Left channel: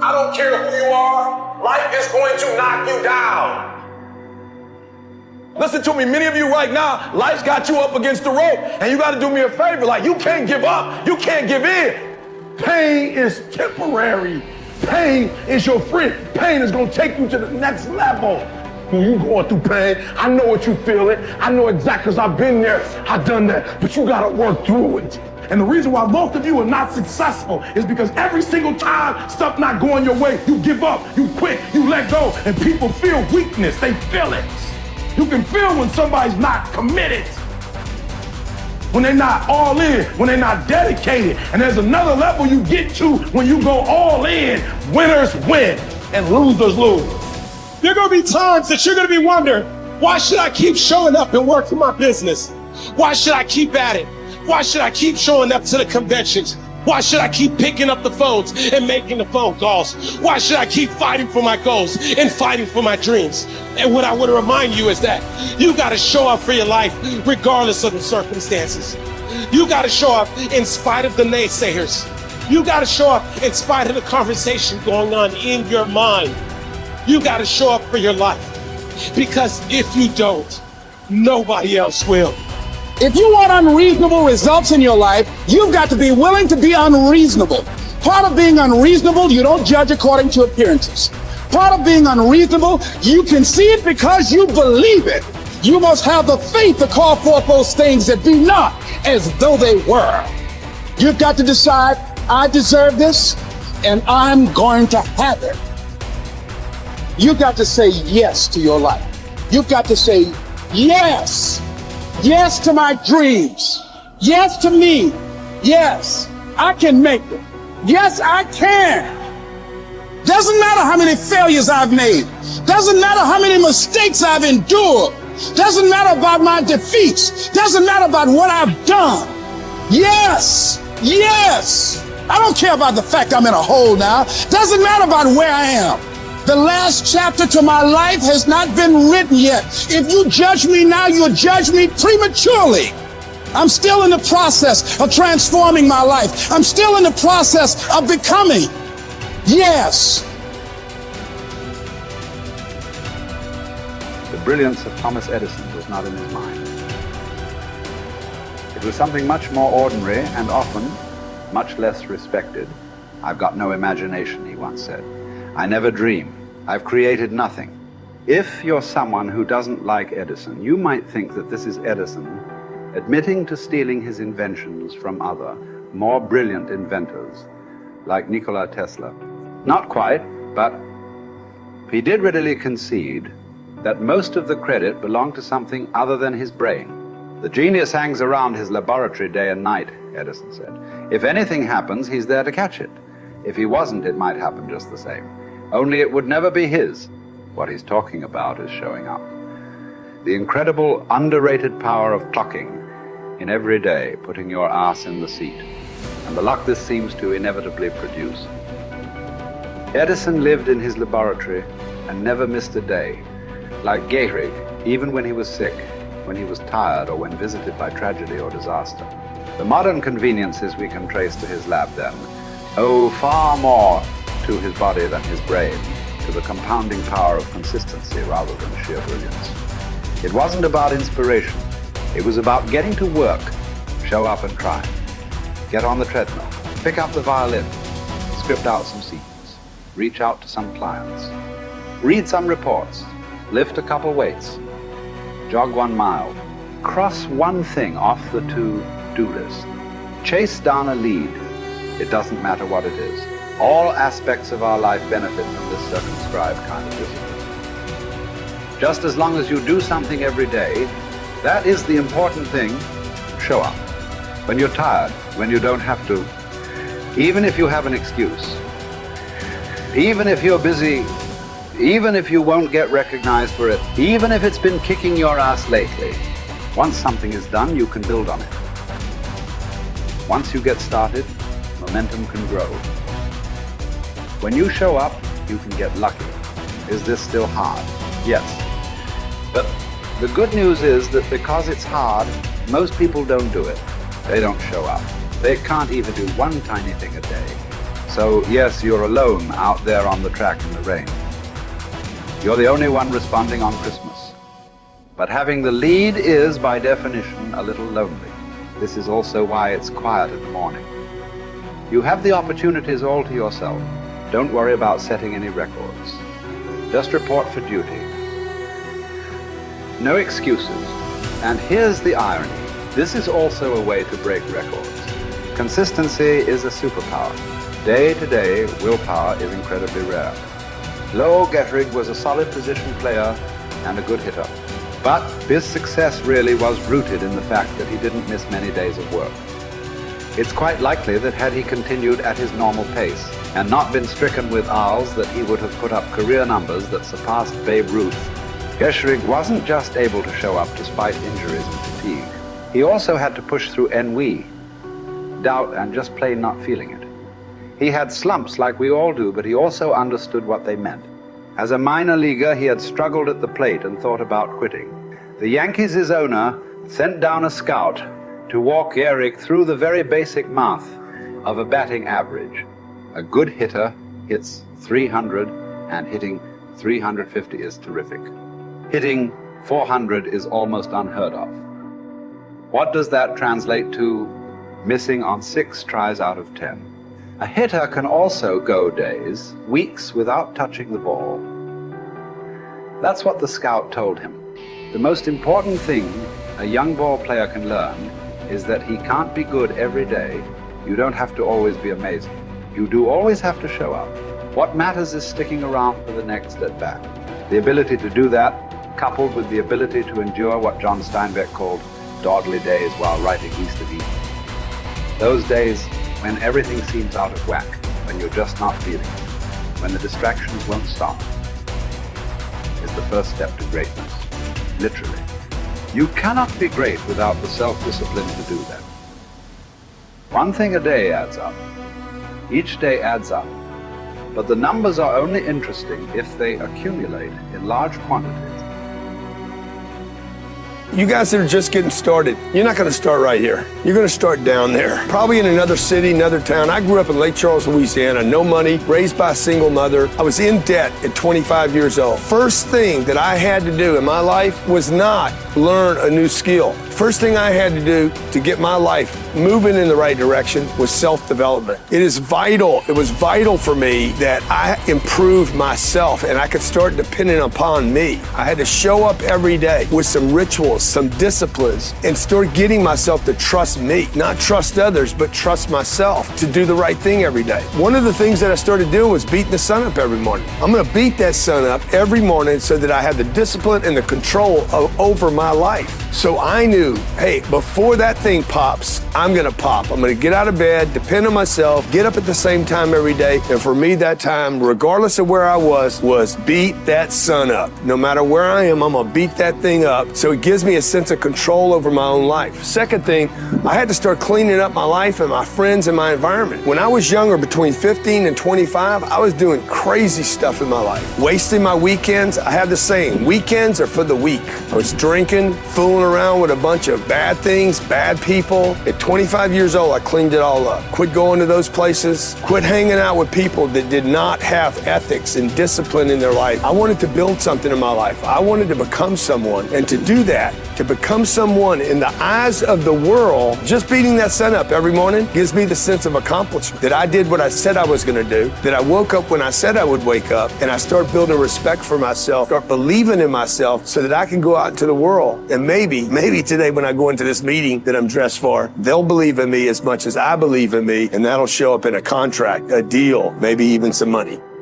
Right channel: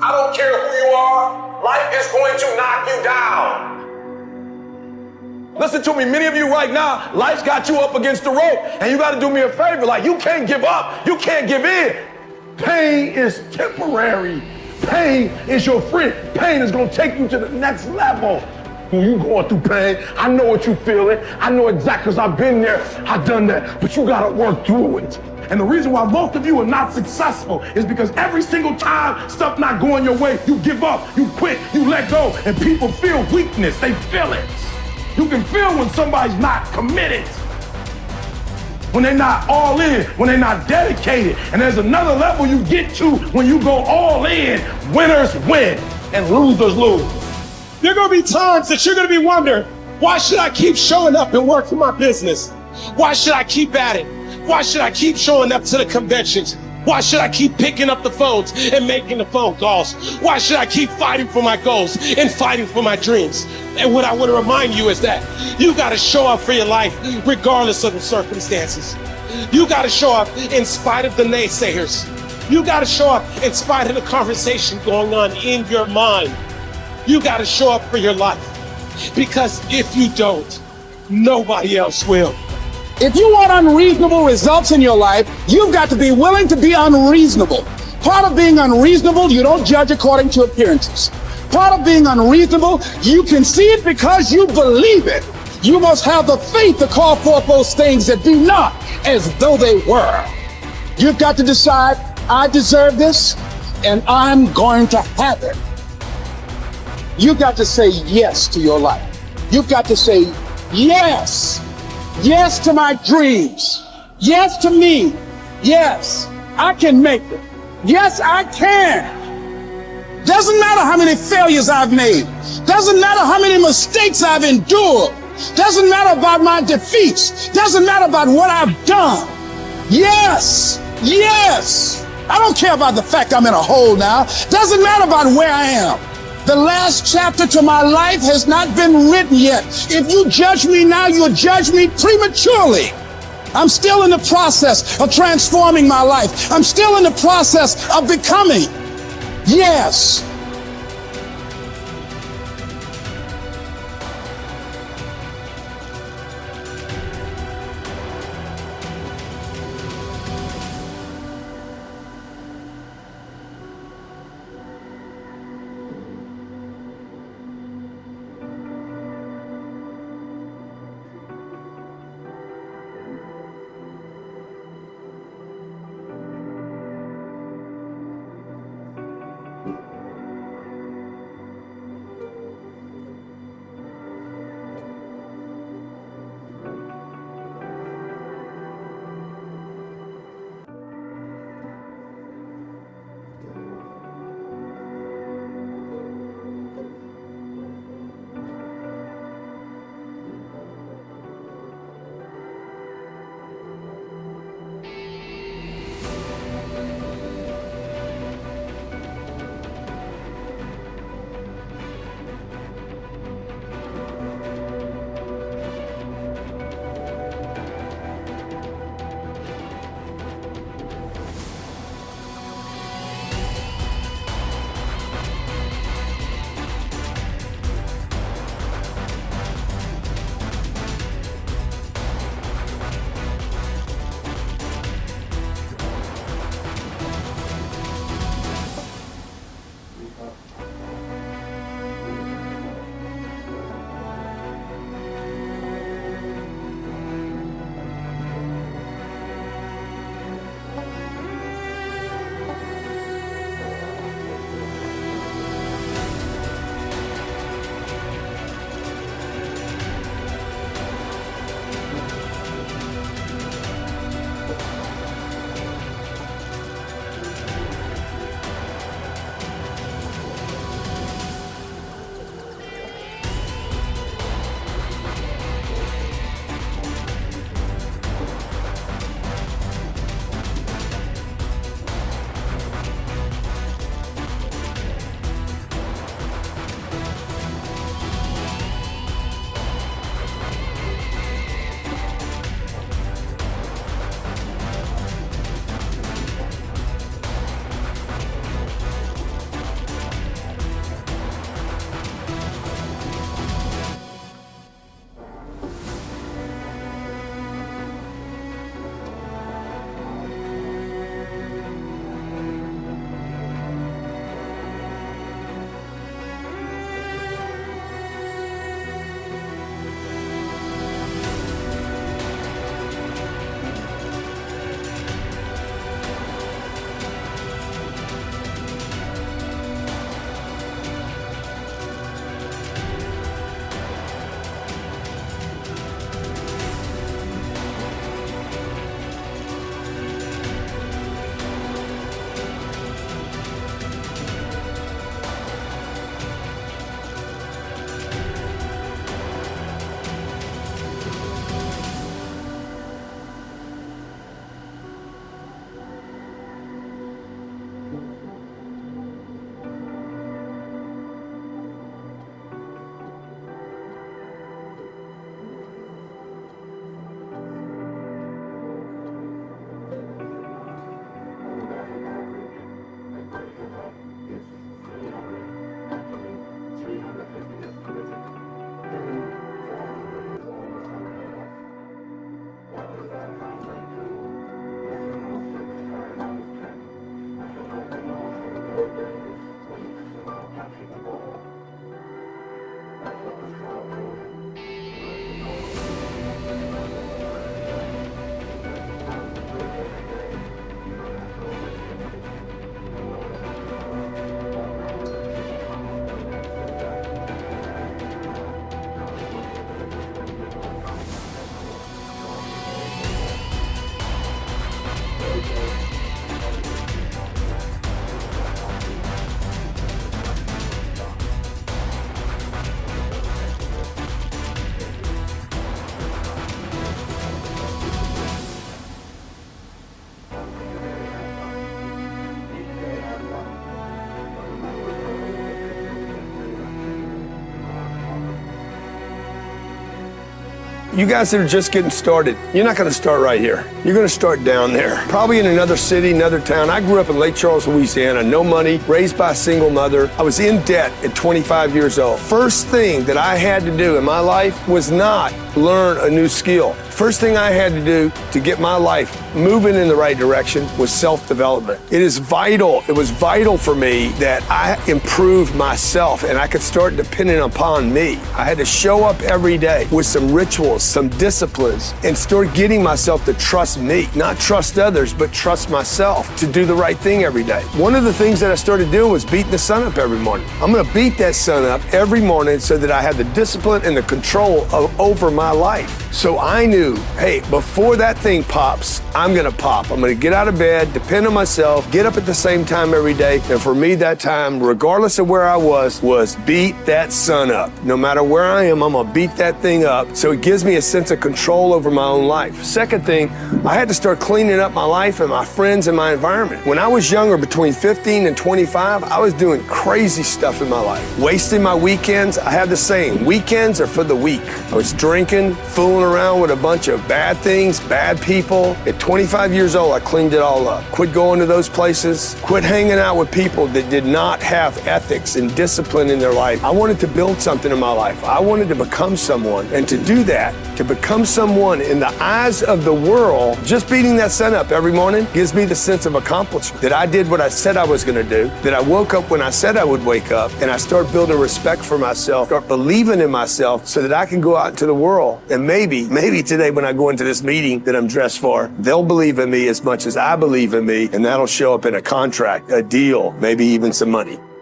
I don't care who you are. Life is going to knock you down. Listen to me, many of you right now, life's got you up against the rope, and you got to do me a favor. Like, you can't give up. You can't give in. Pain is temporary. Pain is your friend. Pain is going to take you to the next level. When you going through pain, I know what you feeling. I know exactly, because I've been there. I've done that. But you got to work through it. And the reason why most of you are not successful is because every single time stuff not going your way, you give up, you quit, you let go, and people feel weakness. They feel it. You can feel when somebody's not committed, when they're not all in, when they're not dedicated. And there's another level you get to when you go all in. Winners win and losers lose. There are going to be times that you're going to be wondering, why should I keep showing up and working my business? Why should I keep at it? Why should I keep showing up to the conventions? Why should I keep picking up the phones and making the phone calls? Why should I keep fighting for my goals and fighting for my dreams? And what I want to remind you is that you got to show up for your life regardless of the circumstances. You got to show up in spite of the naysayers. You got to show up in spite of the conversation going on in your mind. You got to show up for your life, because if you don't, nobody else will. If you want unreasonable results in your life, you've got to be willing to be unreasonable. Part of being unreasonable, you don't judge according to appearances. Part of being unreasonable, you can see it because you believe it. You must have the faith to call forth those things that be not as though they were. You've got to decide, I deserve this, and I'm going to have it. You've got to say yes to your life. You've got to say yes. Yes to my dreams. Yes to me. Yes, I can make it. Yes, I can. Doesn't matter how many failures I've made. Doesn't matter how many mistakes I've endured. Doesn't matter about my defeats. Doesn't matter about what I've done. Yes, yes. I don't care about the fact I'm in a hole now. Doesn't matter about where I am. The last chapter to my life has not been written yet. If you judge me now, you'll judge me prematurely. I'm still in the process of transforming my life. I'm still in the process of becoming. Yes. The brilliance of Thomas Edison was not in his mind. It was something much more ordinary and often much less respected. I've got no imagination, he once said. I never dream. I've created nothing. If you're someone who doesn't like Edison, you might think that this is Edison admitting to stealing his inventions from other, more brilliant inventors, like Nikola Tesla. Not quite, but he did readily concede that most of the credit belonged to something other than his brain. The genius hangs around his laboratory day and night, Edison said. If anything happens, he's there to catch it. If he wasn't, it might happen just the same. Only it would never be his. What he's talking about is showing up. The incredible, underrated power of clocking in every day, putting your ass in the seat, and the luck this seems to inevitably produce. Edison lived in his laboratory and never missed a day. Like Gehrig, even when he was sick, when he was tired, or when visited by tragedy or disaster. The modern conveniences we can trace to his lab then owe far more to his body than his brain, to the compounding power of consistency rather than sheer brilliance. It wasn't about inspiration. It was about getting to work, show up and try. Get on the treadmill, pick up the violin, script out some sequence, reach out to some clients, read some reports, lift a couple weights, jog 1 mile, cross one thing off the to-do list, chase down a lead. It doesn't matter what it is. All aspects of our life benefit from this circumscribed kind of wisdom. Just as long as you do something every day, that is the important thing. Show up. When you're tired, when you don't have to, even if you have an excuse, even if you're busy, even if you won't get recognized for it, even if it's been kicking your ass lately, once something is done, you can build on it. Once you get started, momentum can grow. When you show up, you can get lucky. Is this still hard? Yes. But the good news is that because it's hard, most people don't do it. They don't show up. They can't even do one tiny thing a day. So So yes, you're alone out there on the track in the rain. You're the only one responding on Christmas. But having the lead is, by definition, a little lonely. This is also why it's quiet in the morning. You have the opportunities all to yourself. Don't worry about setting any records. Just report for duty. No excuses. And here's the irony. This is also a way to break records. Consistency is a superpower. Day to day, willpower is incredibly rare. Lowell Getrig was a solid position player and a good hitter. But his success really was rooted in the fact that he didn't miss many days of work. It's quite likely that had he continued at his normal pace and not been stricken with R's, that he would have put up career numbers that surpassed Babe Ruth. Getrig wasn't just able to show up despite injuries and fatigue. He also had to push through ennui, doubt, and just plain not feeling it. He had slumps like we all do, but he also understood what they meant. As a minor leaguer, he had struggled at the plate and thought about quitting. The Yankees' owner sent down a scout to walk Gehrig through the very basic math of a batting average. A good hitter hits 300, and hitting 350 is terrific. Hitting 400 is almost unheard of. What does that translate to? Missing on 6 tries out of 10. A hitter can also go days, weeks without touching the ball. That's what the scout told him. The most important thing a young ball player can learn is that he can't be good every day. You don't have to always be amazing. You do always have to show up. What matters is sticking around for the next at-bat. The ability to do that, coupled with the ability to endure what John Steinbeck called dogly days while writing Easter Eve. Those days when everything seems out of whack, when you're just not feeling it, when the distractions won't stop, is the first step to greatness, literally. You cannot be great without the self-discipline to do that. One thing a day adds up. Each day adds up. But the numbers are only interesting if they accumulate in large quantities. You guys that are just getting started, you're not going to start right here. You're going to start down there, probably in another city, another town. I grew up in Lake Charles, Louisiana, no money, raised by a single mother. I was in debt at 25 years old. First thing that I had to do in my life was not learn a new skill. First thing I had to do to get my life moving in the right direction was self-development. It is vital. It was vital for me that I improved myself and I could start depending upon me. I had to show up every day with some rituals, some disciplines, and start getting myself to trust me, not trust others, but trust myself to do the right thing every day. One of the things that I started doing was beating the sun up every morning. I'm going to beat that sun up every morning so that I have the discipline and the control over my life. So I knew, hey, before that thing pops, I'm going to pop. I'm going to get out of bed, depend on myself, get up at the same time every day. And for me, that time, regardless of where I was beat that sun up. No matter where I am, I'm going to beat that thing up. So it gives me a sense of control over my own life. Second thing, I had to start cleaning up my life and my friends and my environment. When I was younger, between 15 and 25, I was doing crazy stuff in my life. Wasting my weekends. I have the saying, weekends are for the weak. I was drinking, fooling around with a bunch of bad things, bad people. At 25 years old, I cleaned it all up. Quit going to those places. Quit hanging out with people that did not have ethics and discipline in their life. I wanted to build something in my life. I wanted to become someone. And to do that, to become someone in the eyes of the world, just beating that sun up every morning gives me the sense of accomplishment, that I did what I said I was going to do, that I woke up when I said I would wake up, and I start building respect for myself, start believing in myself so that I can go out into the world. And maybe today when I go into this meeting that I'm dressed for, they'll believe in me as much as I believe in me, and that'll show up in a contract, a deal, maybe even some money.